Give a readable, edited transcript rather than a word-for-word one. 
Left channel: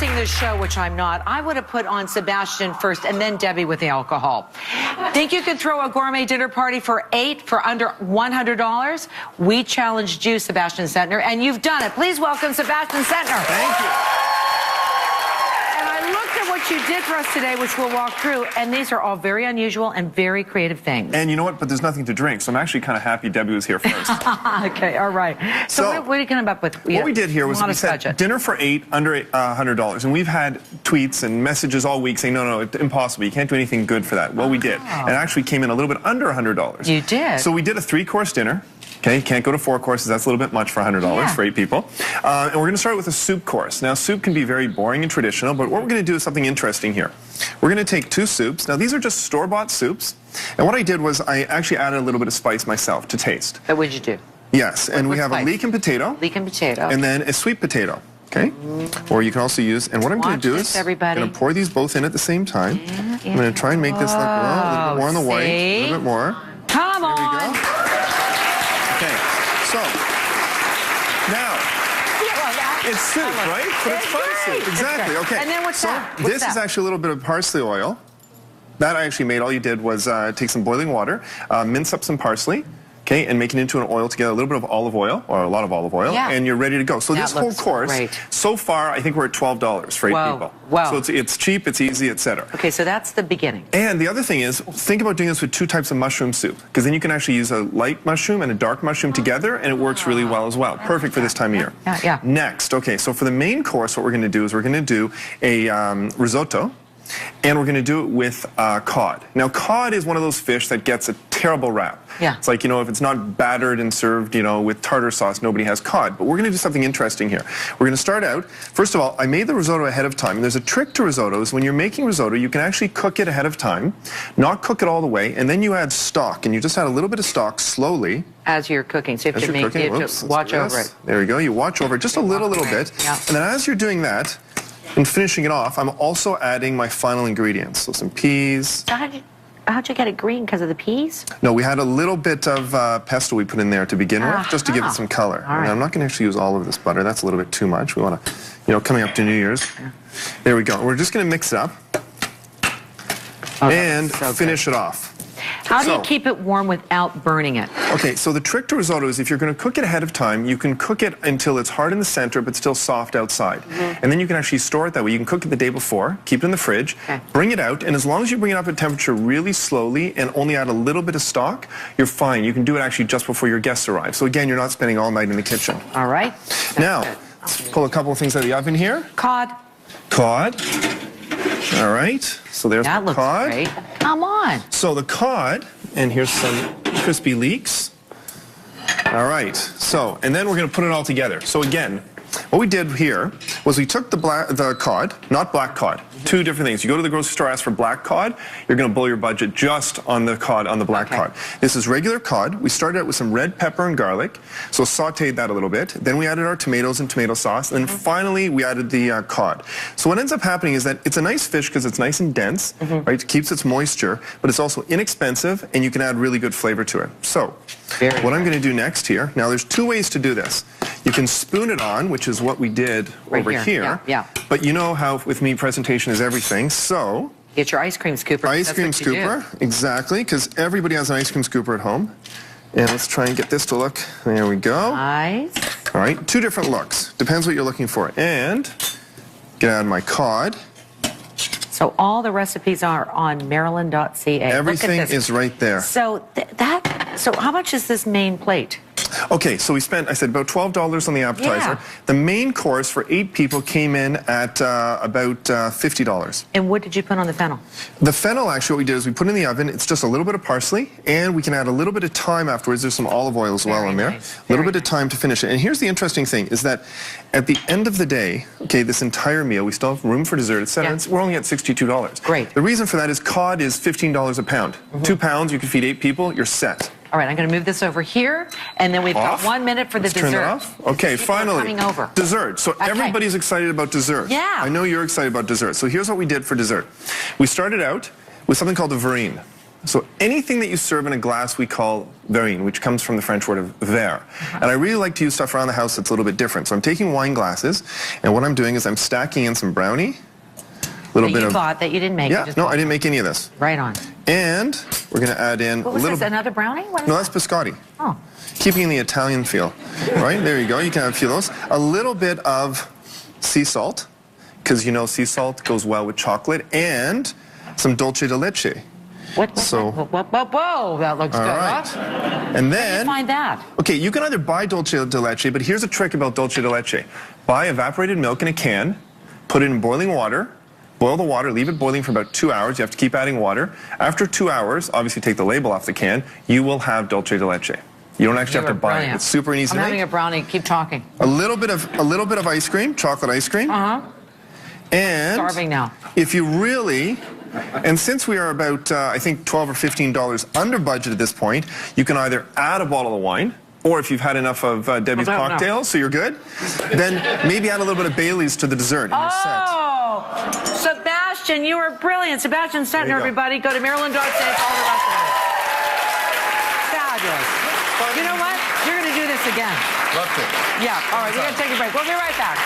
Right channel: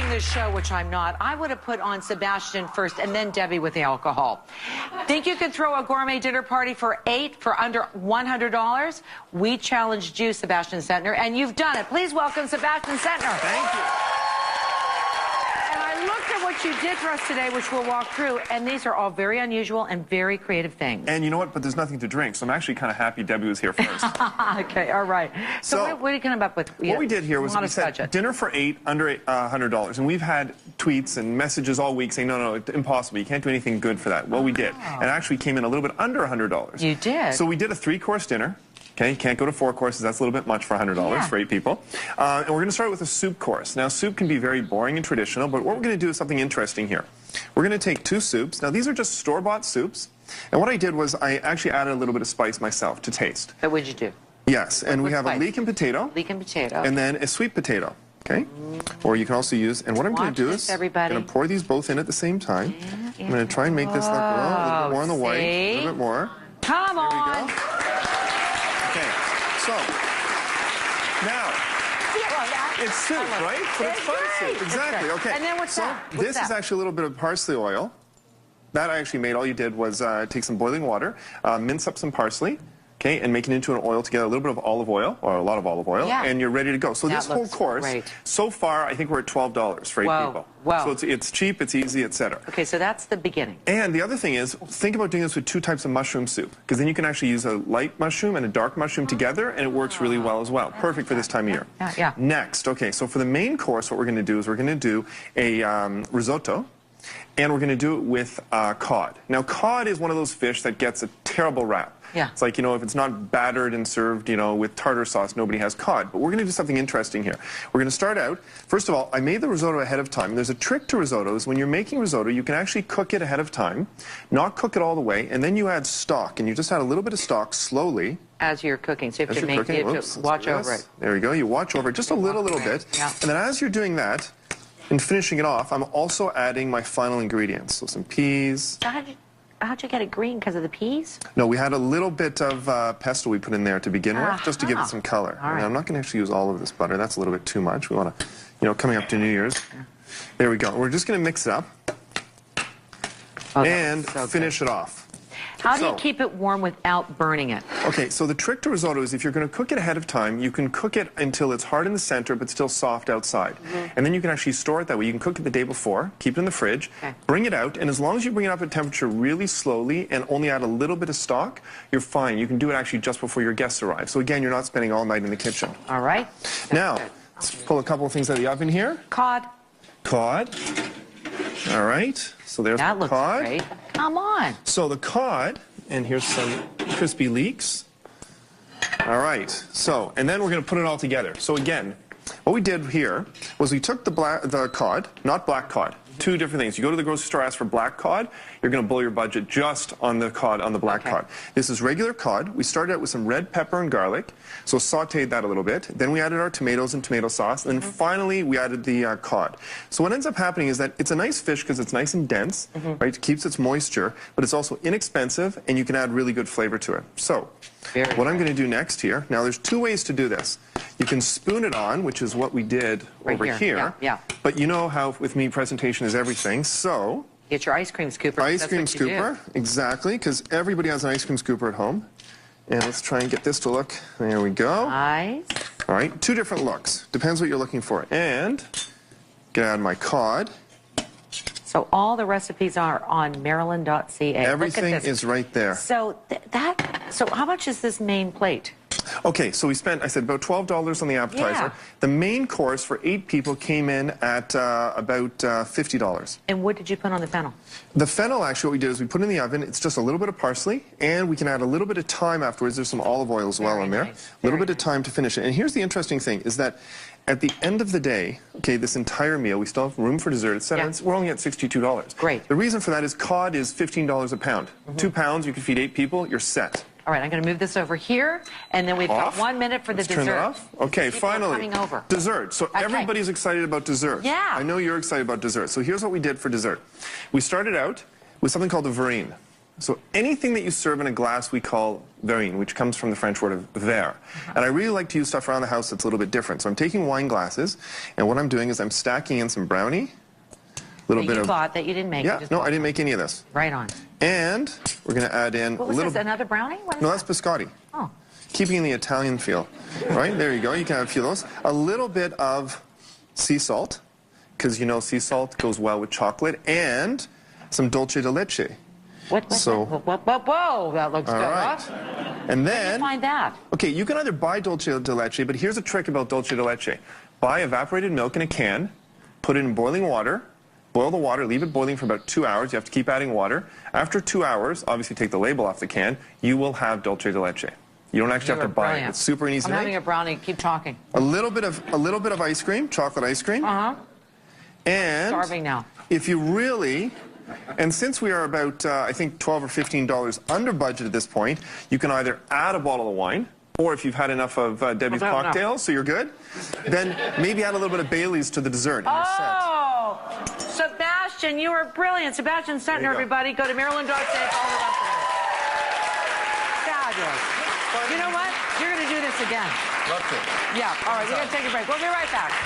hosting this show, which I'm not, I would have put on Sebastien first and then Debbie with the alcohol. Think you could throw a gourmet dinner party for 8 for under $100? We challenged you, Sebastien Centner, and you've done it. Please welcome Sebastien Centner. Thank you. You did for us today, which we'll walk through, and these are all very unusual and very creative things. And you know what? But there's nothing to drink, so I'm actually kind of happy Debbie was here first. Okay, all right. So what are you going to come up with? What we did here was we said dinner for 8 under $100, and we've had tweets and messages all week saying, no, it's impossible. You can't do anything good for that. Well, we did, and it actually came in a little bit under $100. You did. So we did a 3-course dinner. Okay, can't go to 4 courses. That's a little bit much for $100 for 8 people. And we're going to start with a soup course. Now, soup can be very boring and traditional, but what we're going to do is something interesting here. We're going to take 2 soups. Now, these are just store-bought soups. And what I did was I actually added a little bit of spice myself to taste. What would you do? Yes, and we have a leek and potato. Leek and potato. And then a sweet potato. Okay? Or you can also use, and what I'm going to do is I'm going to pour these both in at the same time. I'm going to try and make this like more on the white, a little bit more. Come on! It's soup, right? But it's parsley. Exactly. Okay. And then what's that? This is actually a little bit of parsley oil. That I actually made. All you did was take some boiling water, mince up some parsley, okay, and make it into an oil together, a little bit of olive oil, or a lot of olive oil, and you're ready to go. So this whole course, so far, I think we're at $12 for 8 people. Wow. So it's cheap, it's easy, etc. Okay, so that's the beginning. And the other thing is, think about doing this with 2 types of mushroom soup, because then you can actually use a light mushroom and a dark mushroom together, and it works really well as well. Perfect for this time of year. Yeah. Next, okay, so for the main course, what we're going to do is we're going to do a risotto. And we're going to do it with cod. Now, cod is one of those fish that gets a terrible rap. Yeah. It's like, you know, if it's not battered and served, you know, with tartar sauce, nobody has cod. But we're going to do something interesting here. We're going to start out, first of all, I made the risotto ahead of time. And there's a trick to risottos. When you're making risotto, you can actually cook it ahead of time, not cook it all the way, and then you add stock. And you just add a little bit of stock slowly. As you're cooking. So if you're making it, watch over it. There you go. You watch over it just a little bit. And then as you're doing that, and finishing it off, I'm also adding my final ingredients. So some peas. How'd you get it green because of the peas? No, we had a little bit of pesto we put in there to begin with, just to give it some color. I'm not going to use all of this butter. That's a little bit too much. We want to, you know, coming up to New Year's. There we go. We're just going to mix it up and finish it off. How do you keep it warm without burning it? Okay, so the trick to risotto is if you're going to cook it ahead of time, you can cook it until it's hard in the center but still soft outside. And then you can actually store it that way. You can cook it the day before, keep it in the fridge, bring it out, and as long as you bring it up at temperature really slowly and only add a little bit of stock, you're fine. You can do it actually just before your guests arrive. So again, you're not spending all night in the kitchen. All right. Now, let's pull a couple of things out of the oven here. Cod. Cod. All right. So there's the cod. Great. Come on. So the cod, and here's some crispy leeks. All right. So, and then we're going to put it all together. So again, what we did here was we took the cod, not black cod. 2 different things. You go to the grocery store, ask for black cod, you're going to blow your budget just on the cod, on the black cod. This is regular cod. We started out with some red pepper and garlic, so sauteed that a little bit. Then we added our tomatoes and tomato sauce, and then finally we added the cod. So what ends up happening is that it's a nice fish because it's nice and dense, right? It keeps its moisture, but it's also inexpensive, and you can add really good flavor to it. So what I'm going to do next here, now there's 2 ways to do this. You can spoon it on, which is what we did over here. Yeah. But you know how with me presentation is everything, so Get your ice cream scooper. Ice cream scooper, exactly, because everybody has an ice cream scooper at home. And let's try and get this to look. There we go. Nice. All right, 2 different looks. It depends what you're looking for. And get out my cod. So all the recipes are on marilyn.ca. Everything is right there. So so how much is this main plate? Okay, so we spent, I said, about $12 on the appetizer. The main course for 8 people came in at about $50. And what did you put on the fennel? The fennel, actually, what we did is we put it in the oven. It's just a little bit of parsley, and we can add a little bit of thyme afterwards. There's some olive oil as well in there. A little bit of thyme to finish it. And here's the interesting thing, is that at the end of the day, okay, this entire meal, we still have room for dessert. We're only at $62. Great. The reason for that is cod is $15 a pound. 2 pounds, you can feed 8 people, you're set. All right, I'm going to move this over here, and then we've got 1 minute for the dessert. Okay, finally, dessert. So everybody's excited about dessert. Yeah. I know you're excited about dessert. So here's what we did for dessert. We started out with something called the verrine. So anything that you serve in a glass we call verrine, which comes from the French word of verre. And I really like to use stuff around the house that's a little bit different. So I'm taking wine glasses, and what I'm doing is I'm stacking in some brownie. A little bit You of... thought that you didn't make Yeah, it. no, I didn't make any of this. Right on. And we're going to add in a Was this little... another brownie? No, that's biscotti. Oh. Keeping the Italian feel. Right, there you go. You can have those. A little bit of sea salt, because you know sea salt goes well with chocolate, and some dulce de leche. So, Whoa, that looks good. and then, Find that. okay, you can either buy dulce de leche, but here's the trick about dulce de leche. Buy evaporated milk in a can, put it in boiling water, boil the water, leave it boiling for about 2 hours. You have to keep adding water. After 2 hours, obviously take the label off the can, you will have dulce de leche. You don't actually have to buy it. It's super easy. I'm having a brownie. Keep talking. A little bit of ice cream, chocolate ice cream. And Starving now. if you really, and since we are about, I think, $12 or $15 under budget at this point, you can either add a bottle of wine, or if you've had enough of Debbie's cocktails, so you're good, then maybe add a little bit of Bailey's to the dessert. Oh, Sebastien, you were brilliant. Sebastien Centner, everybody. Go to Marilyn Denis. Fabulous. You know what? You're going to do this again. Love it. Yeah, all right, we're going to take a break. We'll be right back.